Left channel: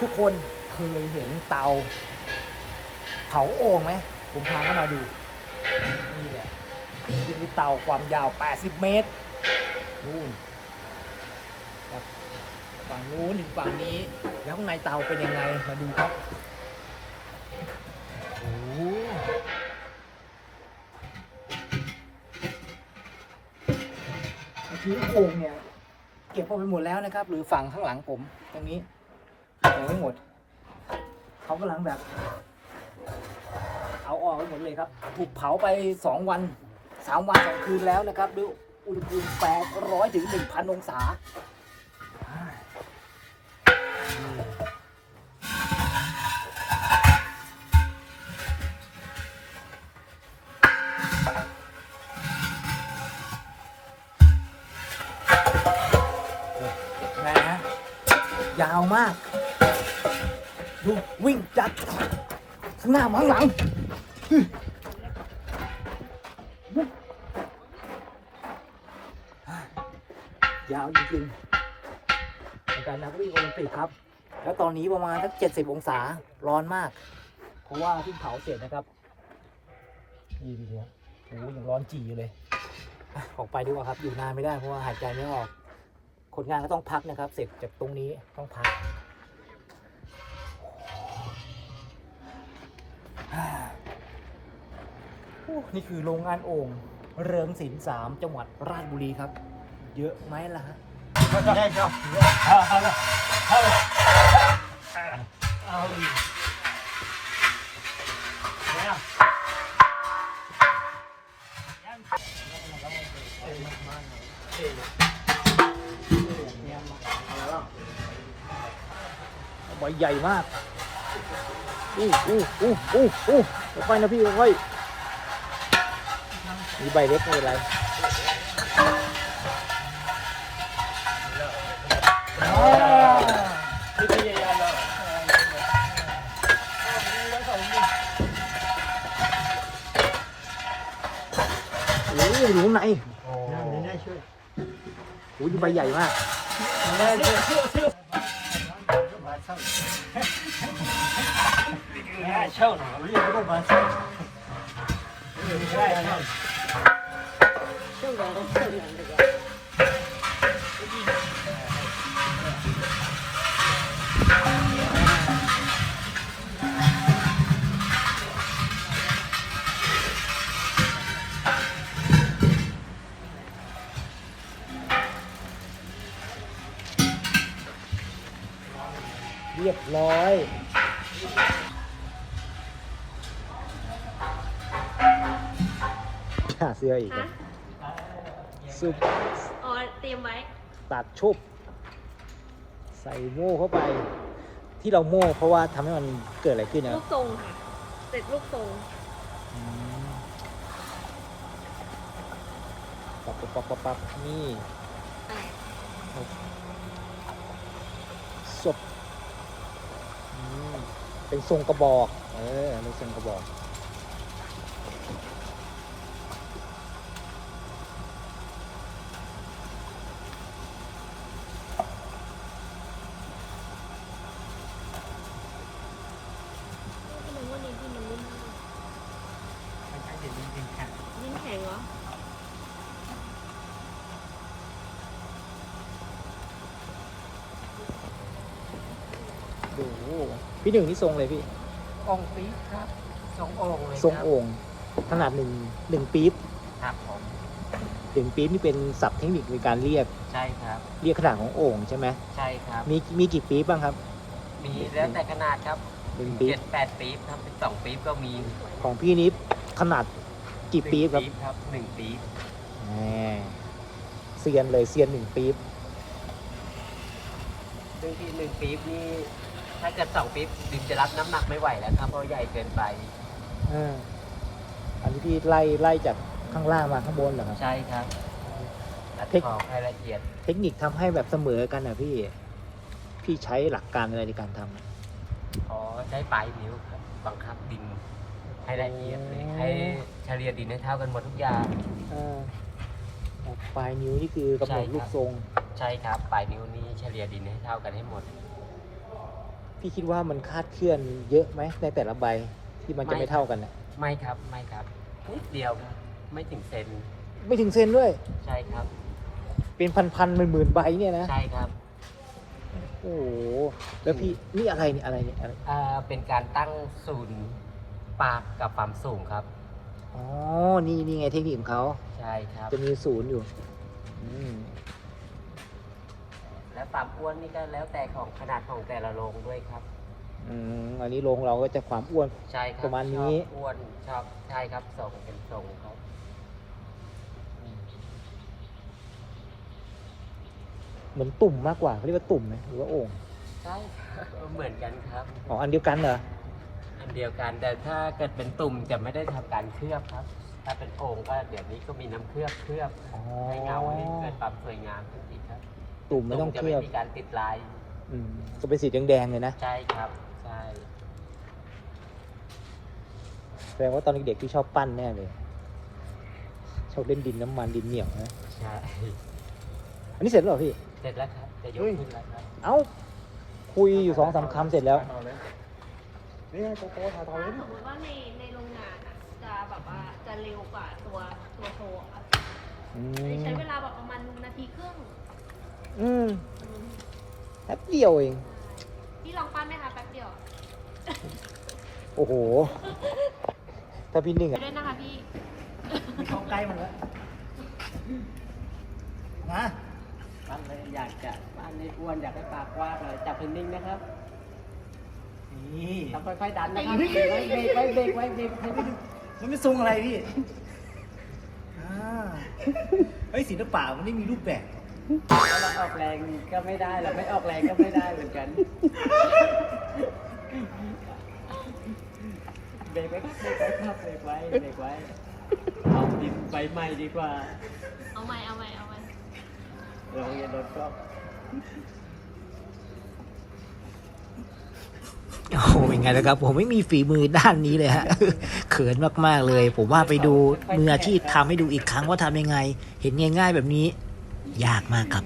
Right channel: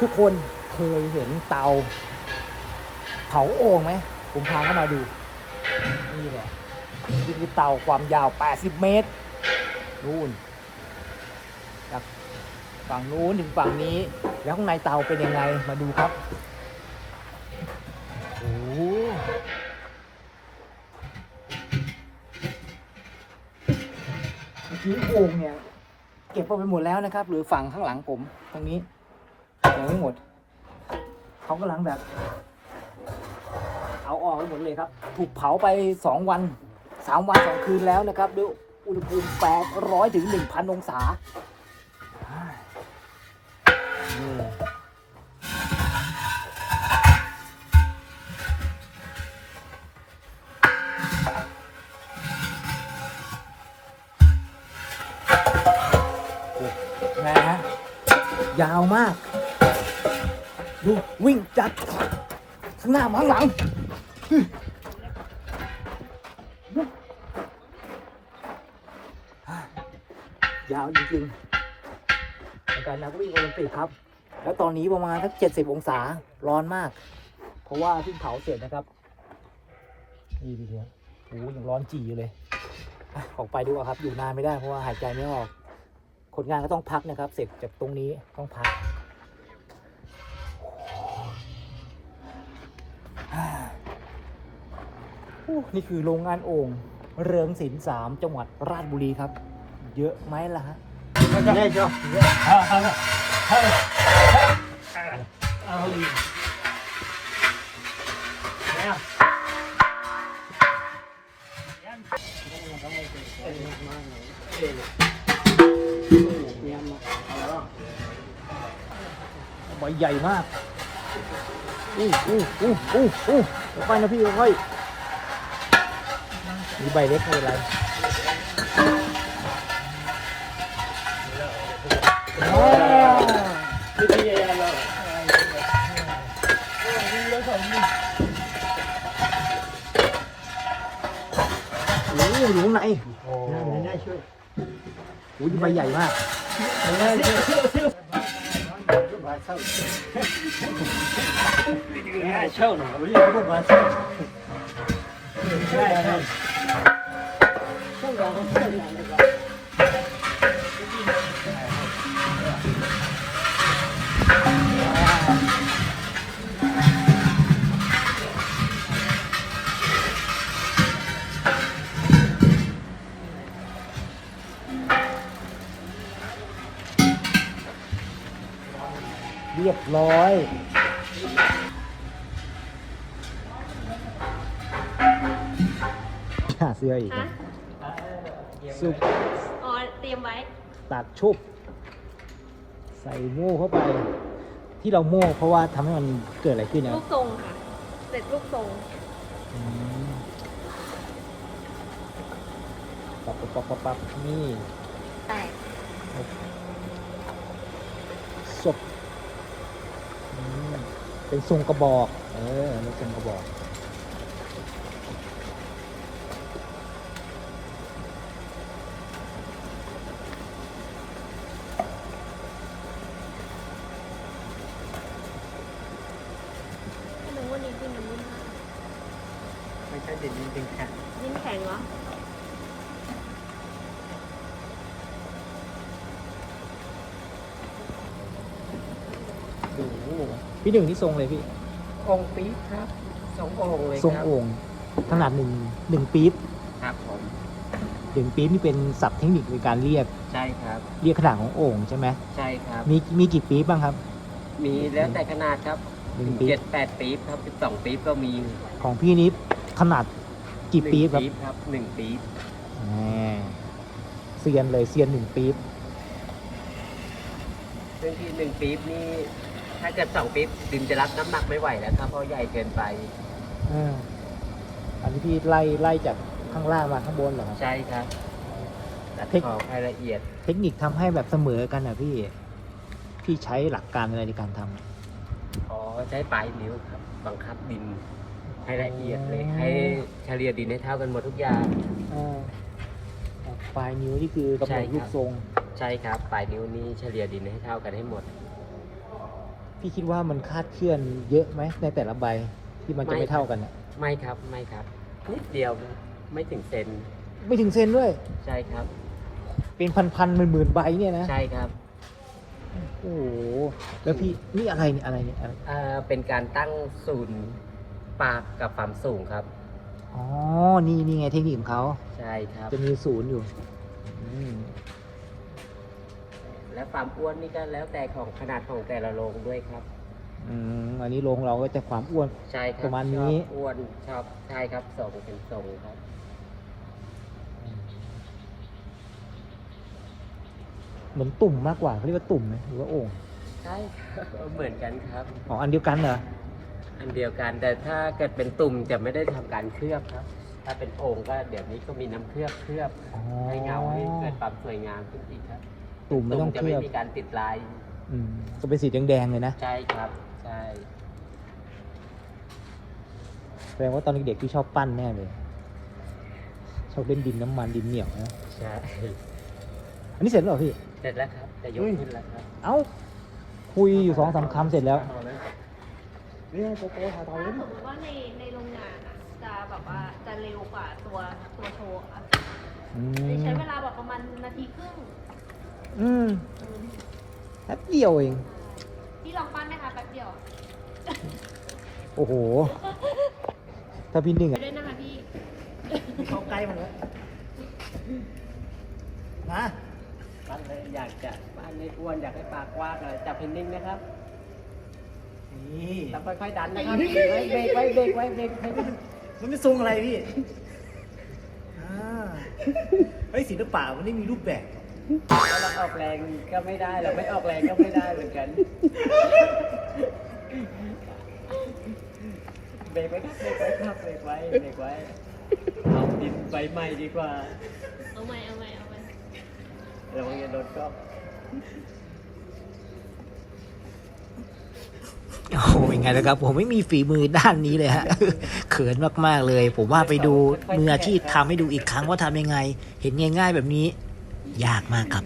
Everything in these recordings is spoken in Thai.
ทุกคนเคยเห็นเตา เผาโอ่งไหมผมพาเข้ามาดู นี่แหละนี่คือเตาความยาว 80 เมตรนู่นครับฝั่งนู้นถึงฝั่งนี้ แล้วข้างในเตาเป็นยังไงมาดูครับโอ้โหเมื่อกี้โอ่งเนี่ยเก็บเอาไปหมดแล้วนะครับ หรือฝั่งข้างหลังผมตรงนี้ ยังไม่หมด เขากำลังแบบ เอาออกไปหมดเลยครับ ถูกเผาไปสองวันสามวันสองคืนแล้วนะครับด้วยอุณหภูมิแปดร้อยถึงหนึ่งพันองศานี่แหมยาวมาก วิ่งจากข้างหน้ามาข้างหลังยาวจริงๆในการนักวิ่งโอลิมปิกครับ แล้วตอนนี้ประมาณสักเจ็ดสิบองศาร้อนมาก เพราะว่าเพิ่เผาเสร็จนะครับ นี่ดูสิโอ้ยังร้อนจีอยู่เลยอออกไปดีกว่าครับ อยู่นานไม่ได้เพราะว่าหายใจไม่ออก คนงานก็ต้องพักนะครับ เสร็จจากตรงนี้ต้องพัก นี่คือโรงงานโอ่งเรืองศิลป์สามจังหวัดราชบุรีครับ เยอะไหมล่ะฮะให Thank you. เสื้ออ๋อเตรียมไว้ตัดชุบใส่หมูเข้าไป ที่เรามู่เพราะว่าทำให้มันเกิดอะไรขึ้นลูกทรงค่ะเสร็จลูกทรงอืมนี่ใช่ศพอืมเป็นทรงกระบอกเออเป็นทรงกระบอกไม่ใช่เด็ดจริงๆค่ะ ยิ้มแข็งเหรอ พี่ หนึ่งที่ทรงอะไรพี่องค์ปี๊บครับสององค์เลยทรงครับโอ่งขนาดหนึ่งหนึ่งปี๊บครับผมหนึ่งปี๊บนี่เป็นศัพท์เทคนิคในการเรียกใช่ครับ เรียกขนาดของโอ่งใช่ไหมใช่ครับ มีมีกี่ปี๊บบ้างครับมีแล้วแต่ขนาดครับถึงเจ็ดแปดปี๊บครับสิบสองปี๊บก็มีของพี่นิดขนาดกี่หนึ่งปี๊บครับ ปี๊บครับหนึ่งปี๊บอ่าเซียนเลยเซียนหนึ่งปี๊บซึ่งที่หนึ่งปี๊บนี่ ถ้าเกิดสองปี๊บดินจะรับน้ำหนักไม่ไหวแล้วครับเพราะใหญ่เกินไปอืมอันที่ไล่ไล่จากข้างล่างมาข้างบนเหรอใช่ครับตัดขอบให้ละเอียดเทคนิคทำให้แบบเสมอกันนะพี่ พี่ใช้หลักการอะไรในการทำขอใช้ปลายนิ้วครับ บังคับดินให้ละเอียดเลย ให้เฉลี่ยดินให้เท่ากันหมดทุกอย่างปลายนิ้วนี่คือกระใช่บอกครับรูปทรง ใช่ครับ ปลายนิ้วนี้เฉลี่ยดินให้เท่ากันให้หมด พี่พี่คิดว่ามันคาดเคลื่อนเยอะไหมในแต่ละใบที่มันจะไม่ไม่ครับเท่ากันอะไม่ครับไม่ครับนิดเดียวครับไม่ถึงเซนไม่ถึงเซนด้วย ใช่ครับ เป็นพันๆหมื่นๆใบเนี่ยนะใช่ครับโอ้โหแล้วที่นี่อะไรเนี่ยอะไรเนี่ยอ่าเป็นการตั้งศูนย์ปากกับความสูงครับ อ๋อนี่นี่ไงเทคนิคของเขาใช่ครับ จะมีศูนย์อยู่อืม และความอ้วนนี่ก็แล้วแต่ของขนาดของแต่ละโรงด้วยครับ อืมอันนี้ลงเราก็จะความอ้วน ใช่ครับประมาณชอบนี้อ้วนชอบใช่ครับส่งเป็นทรงครับ เหมือนตุ่มมากกว่าเรียกว่าตุ่มหรือว่าโอ่งใช่ครับเหมือนกันครับของอันเดียวกันเหรออันเดียวกันแต่ถ้าเกิดเป็นตุ่มจะไม่ได้ทำการเคลือบครับ ถ้าเป็นโอ่งก็เดี๋ยวนี้ก็มีน้ำเคลือบเคลือบ ให้เงาให้เกิดความสวยงามขึ้นอีกครับเป็น ตุ่มจะไม่มีการติดลายอืมจะเป็นสีแดงๆเลยนะใช่ครับใช่แปลว่าตอนเด็กๆที่ชอบปั้นแน่เลยชอบเล่นดินน้ำมันดินเหนียวใช่อันนี้เสร็จแล้วเหรอพี่ เสร็จแล้วครับจะยกขึ้นแล้วครับเอ้าคุยสองสามคำเสร็จแล้ว ถ้าสมมติว่าในในโรงงานอะจะแบบว่าจะเร็วกว่าตัวตัวโชว์อะอืใช้มเวลาแบบประมาณนาทีครึ่ง อืมแป๊บเดียวเองที่ลองปั้นได้นะแป๊บเดียวโอ้โหถ้าพี่หนึ่งไปอะด้วยนะคะพี่ไม่เข้าใกล้มันแล้วมาบ้านเลยอยากจะบ้านเลยอ้วนอยากให้ปากกว้างหน่อยจับให้นิ่งนะครับนี่แล้วค่อยๆดันนะครับเบรกไว้เบรกไว้เบรกไว้เบรกไว้มันไม่ทรงอะไรพี่อ่าเฮ้ยศิลปะมันไม่มีรูปแบบถ้า เราออกแรงก็ไม่ได้เราไม่ออกแรงก็ไม่ได้เหมือนกันเบรกไว้ครับเบรกไว้ครับเบรกไว้เบรกไว้เอาดินไปใหม่ดีกว่าเอาใหม่เอาใหม่เอาใหม่เราอย่าโดนกล้องโอ้โหยังไงนะครับ ผมไม่มีฝีมือด้านนี้เลยฮะเขินมากๆเลย ผมว่าไปดูมืออาชีพทำให้ดูอีกครั้งว่าทำยังไง เห็นง่าย ๆ แบบนี้ ยากมากครับ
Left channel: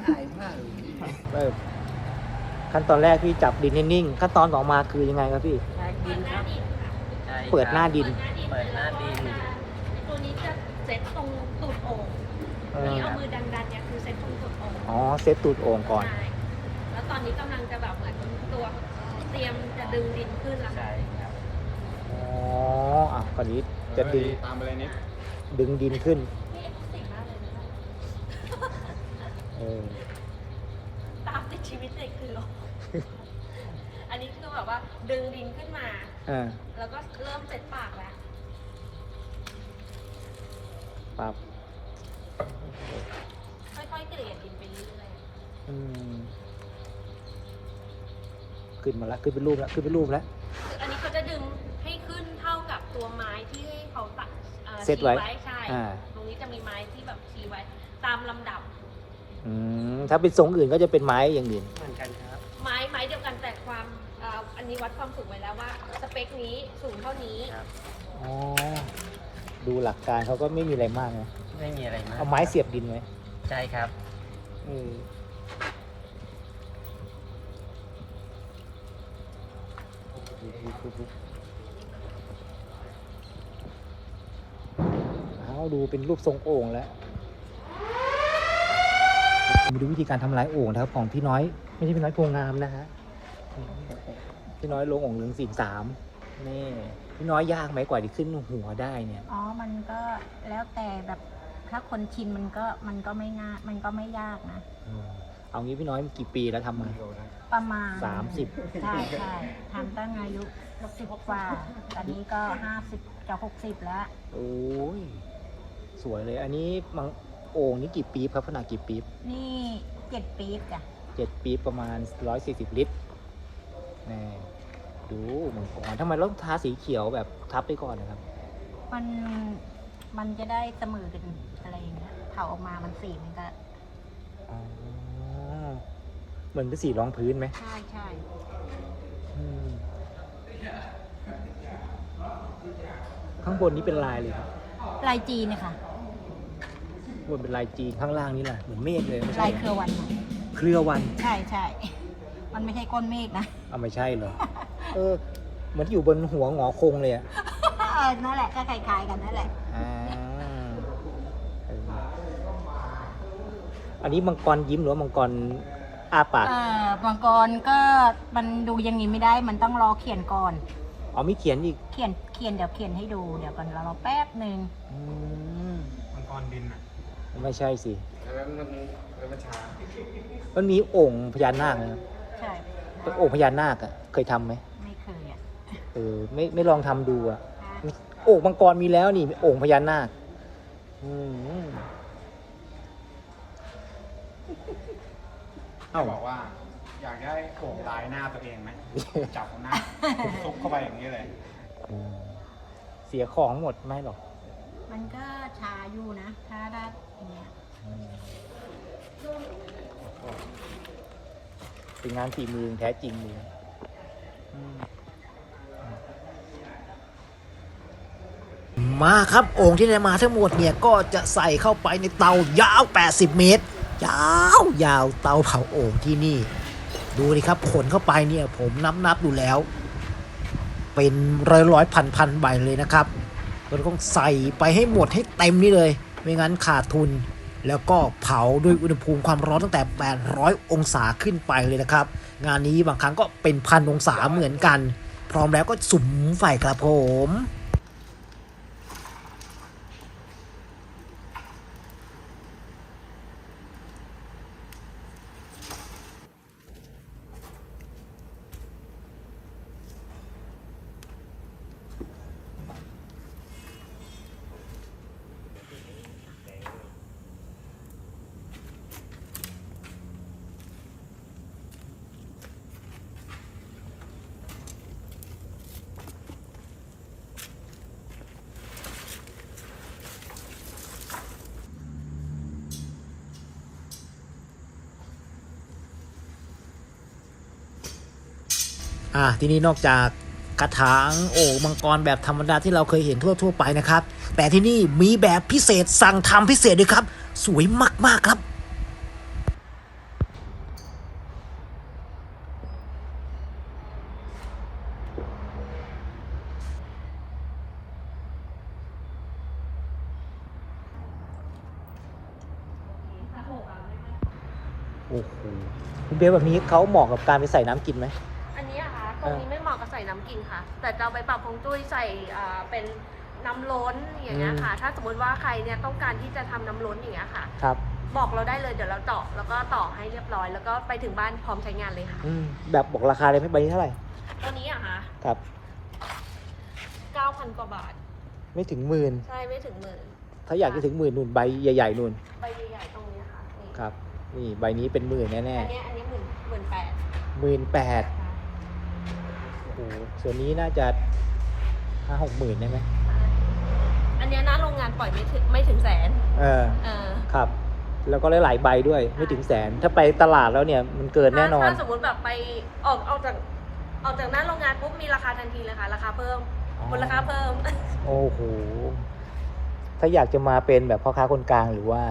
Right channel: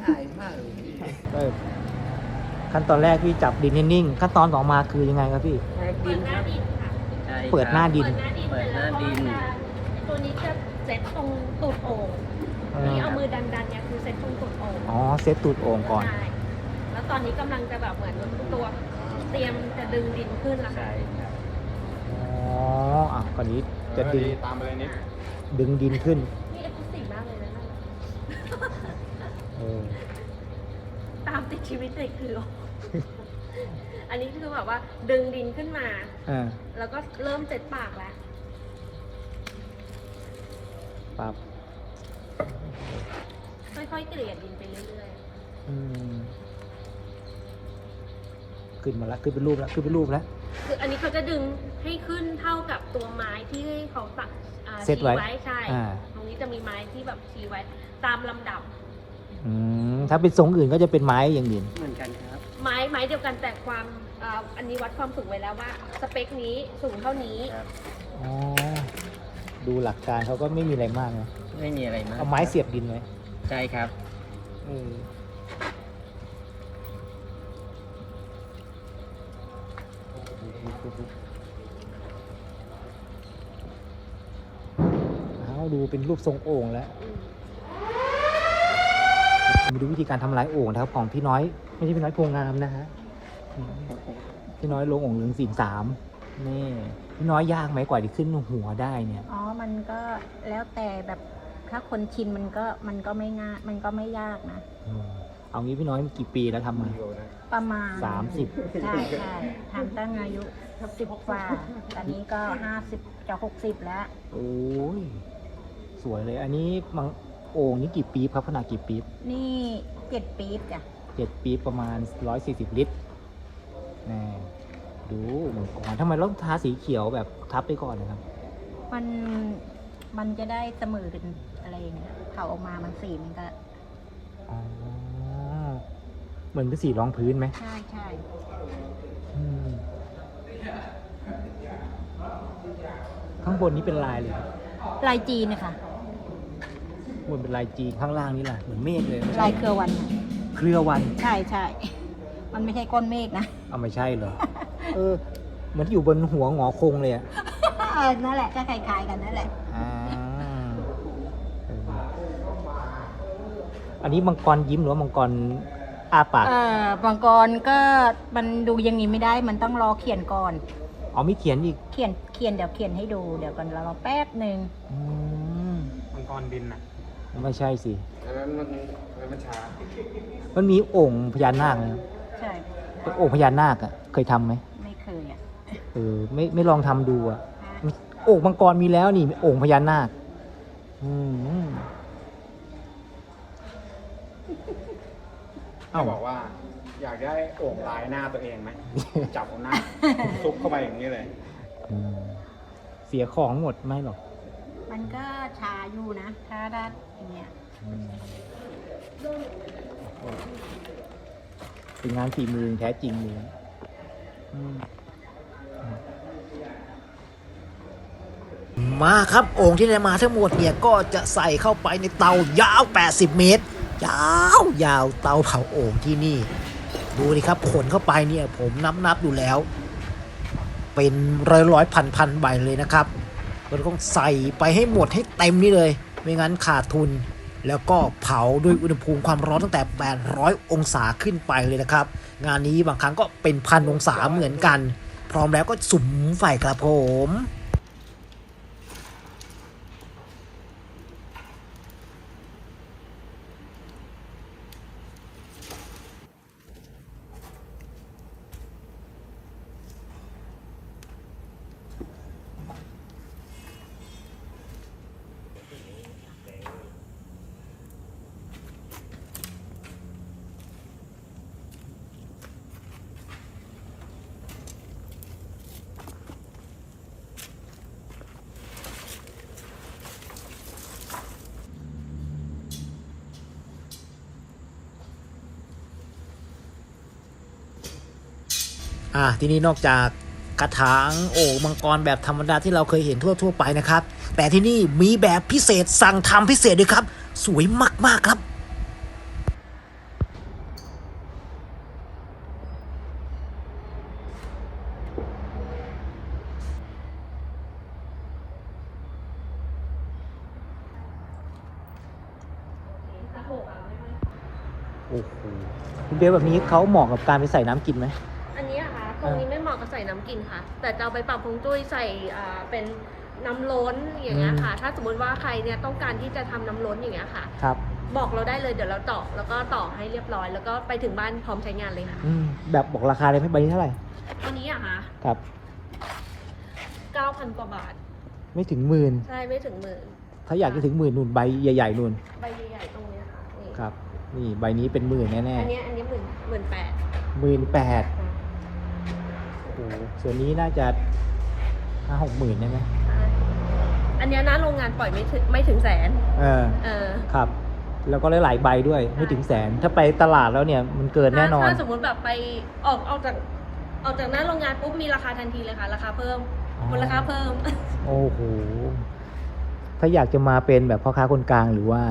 อายมากเลยขั้นตอนแรกพี่จับดินนิ่งๆขั้นตอนออกมาคือยังไงครับพี่แทกดินครับ ใช่เปิดคหรัน้าบดินเปิดหน้าดินเปิดหน้าดิน ตัวนี้จะเซ็ตตรงตูดโอ่งที่เอามือดันๆเนี่ยคือเซ็ตตรงตูดโอ่งอ๋อเซตตัวก่อนก่อนใช่แล้วตอนนี้กำลังจะแบบเหมือนตัวเตรียมจะดึงดินขึ้นแล้วค่ะใช่ครับ อ๋ออันนี้ก็คือดึงดินขึ้น นี่เอ็กซ์คลูซีฟมากเลยนะนั่นน่ะตามติด ชีวิตเด็กคือ อันนี้คือแบบว่า ดึงดินขึ้นมา อืมแล้วก็เริ่มเจ็ดปากแล้ว ค่อยๆเกลี่ยดินไปเรื่อยอืมขึ้นมาแล้วขึ้นเป็นลูกแล้วขึ้นเป็นลูกแล้ว ๆ คืออันนี้เขาจะดึงให้ขึ้นเท่ากับตัวไม้ที่เขาตักอ่าเซ็ตชี้ไว้ ไว้ใช่ อ่า ตรงนี้จะมีไม้ที่แบบชี้ไว้ ตามลำดับ อืมถ้าเป็นทรงอื่นก็จะเป็นไม้อย่างอื่นเหมือนกันครับ ไม้ไม้เดียวกันแต่ความอ่าอันนี้วัดความสูงไว้แล้วว่า สเปคนี้สูงเท่านี้ ครับ อ๋อดูหลักการเขาก็ไม่มีอะไรมากนะไม่มีอะไรมากไม้ครับเสียบดินเนี่ยใช่ครับ อืมอ๋อดูเป็นรูปทรงโอ่งแล้วมาดูวิธีการทำลายโอ่งนะครับของพี่น้อยพี่พี่น้อยพุงงามนะฮะพี่น้อยลงโอ่งหนึ่งสี่สามนี่พี่น้อยยากไหมกว่าจะขึ้นหัวได้เนี่ยอ๋อ มันก็แล้วแต่แบบถ้าคนชินมันก็มันก็ไม่ง่ายมันก็ไม่ยากนะอืมเอางี้พี่น้อยกี่ปีแล้วทำมาประมาณสามสิบใช่ใช่ทำตั้งอายุสิบกว่า ตอนนี้ก็ห้าสิบจะหกสิบแล้ว โอ้ย สวยเลย อันนี้มังโอ่งนี่กี่ปีบครับขนาดกี่ปีบนี่เจ็ดปีดจ้ะเจ็ดปีบประมาณร้อยสี่สิบลิตรแหม่ดูอ่าทำไมต้องทาสีเขียวแบบทับไปก่อนเลยครับ มันมันจะได้เสมอกันอะไรอย่างเงี้ยเผาออกมามันสีมันก็อ๋อเหมือนเป็นสีรองพื้นไหมใช่ใช่ข้างบนนี้เป็นลายเลยครับลายจีนนะคะบนเป็นลายจีนข้างล่างนี่หน่อยผมเมฆเลยลายเครือวันค่ะเครือวันใช่ใช่มันไม่ใช่ก้อนเมฆนะเอาไม่ไม่ใช่เลยเออมันอยู่บนหัวหงอคงเลยอะเออนั่นแหละก็คล้ายๆกันนั่นแหละ อ่าอันนี้มังกรยิ้มหรือว่ามังกรอ้าปากเออมังกรก็มันดูอย่างนี้ไม่ได้ มันต้องรอเขียนก่อน อ๋อมีเขียนอีกเขียนเขียนเดี๋ยวเขียนให้ดู เดี๋ยวก่อนเรารอแป๊บหนึ่งอืมมังกรบินอะ ไม่ใช่สิอันนั้นมันมันช้ามันมีองค์พญานาคนะใช่องค์พญานาคอะเคยทำไหมไม่เคยอะเออไม่ไม่ลองทำดูอะโอ่งมังกรมีแล้วนี่โอ่งพญานาคอืมเขาบอกว่า อยากได้โอ่งลายหน้าตัวเองไหม จับเอาหน้าซุกเข้าไปอย่างนี้เลย อืมเสียของหมดไหมหรอก มันก็ชาอยู่นะ ถ้าได้อย่างเงี้ยเป็นงานฝีมือแท้จริงเลยมาครับโอ่งที่ได้มาทั้งหมดเนี่ยก็จะใส่เข้าไปในเตายาว 80 เมตร ยาวยาวเตาเผาโอ่งที่นี่ ดูดิครับขนเข้าไปเนี่ยผมนับนับดูแล้ว เป็นร้อยร้อยพันพันใบเลยนะครับ ก็ต้องใส่ไปให้หมดให้เต็มนี่เลย ไม่งั้นขาดทุน แล้วก็เผาด้วยอุณหภูมิความร้อนตั้งแต่ 800 องศาขึ้นไปเลยนะครับ งานนี้บางครั้งก็เป็นพันองศาเหมือนกัน พร้อมแล้วก็สุมไฟครับผม อ่าทีนี้นอกจากกระถางโอ่งมังกรแบบธรรมดาที่เราเคยเห็นทั่วๆไปนะครับ แต่ที่นี่มีแบบพิเศษสั่งทำพิเศษด้วยครับ สวยมากๆครับโอ้โหคุณเบลแบบนี้เขาเหมาะกับการไปใส่น้ำกินไหมอันนี้อะคะ ตรงนี้ไม่เหมาะกับใส่น้ำกินค่ะ แต่จะเอาไปปรับพงจุ้ยใส่อ่าเป็นน้ำล้นอย่างเงี้ยค่ะ ถ้าสมมติว่าใครเนี่ยต้องการที่จะทำน้ำล้นอย่างเงี้ยค่ะ ครับบอกเราได้เลยเดี๋ยวเราต่อแล้วก็ต่อให้เรียบร้อย แล้วก็ไปถึงบ้านพร้อมใช้งานเลยค่ะแบบบอกราคาได้ไหมใบนี้เท่าไหร่อันนี้อะคะครับ 9,000 กว่าบาท ไม่ถึงหมื่นใช่ไม่ถึงหมื่น ถ้าอยากจะถึงหมื่นหนึ่งใบใหญ่ๆหมื่นใบใหญ่ๆตรงเนี้ยค่ะนี่ครับนี่ใบนี้เป็นหมื่นแน่อันเนี้ยอันนี้หมื่นหมื่นแปดๆหมื่นแปด ส่วนนี้น่าจะหกหมื่นแน่อันเนี้ยนะโรงงานปล่อยไม่ถึงไม่ถึงแสนๆเออเออ ครับ แล้วก็หลายๆใบด้วยใช่ไม่ถึงแสนถ้าไปตลาดแล้วเนี่ยมันเกินถ้าแน่นอนถ้าสมมติแบบไปออกออกจากออกจากหน้าโรงงานปุ๊บมีราคาทันทีเลยค่ะ ราคาเพิ่มมูลค่าเพิ่ม โอ้โหถ้าอยากจะมาเป็นแบบพ่อค้าคนกลางหรือว่า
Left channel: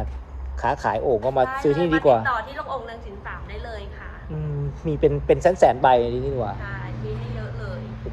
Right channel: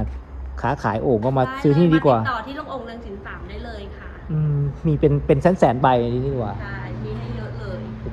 ค้าขายโอ่งก็มาได้ซื้อเลที่ยนี่มาดีกติว่าดต่อที่โรงองค์เรืองสินสามได้เลยค่ะอืมมีเป็นเป็นแสนแสนๆใบเลยดีกว่าได้มีให้เยอะเลยอ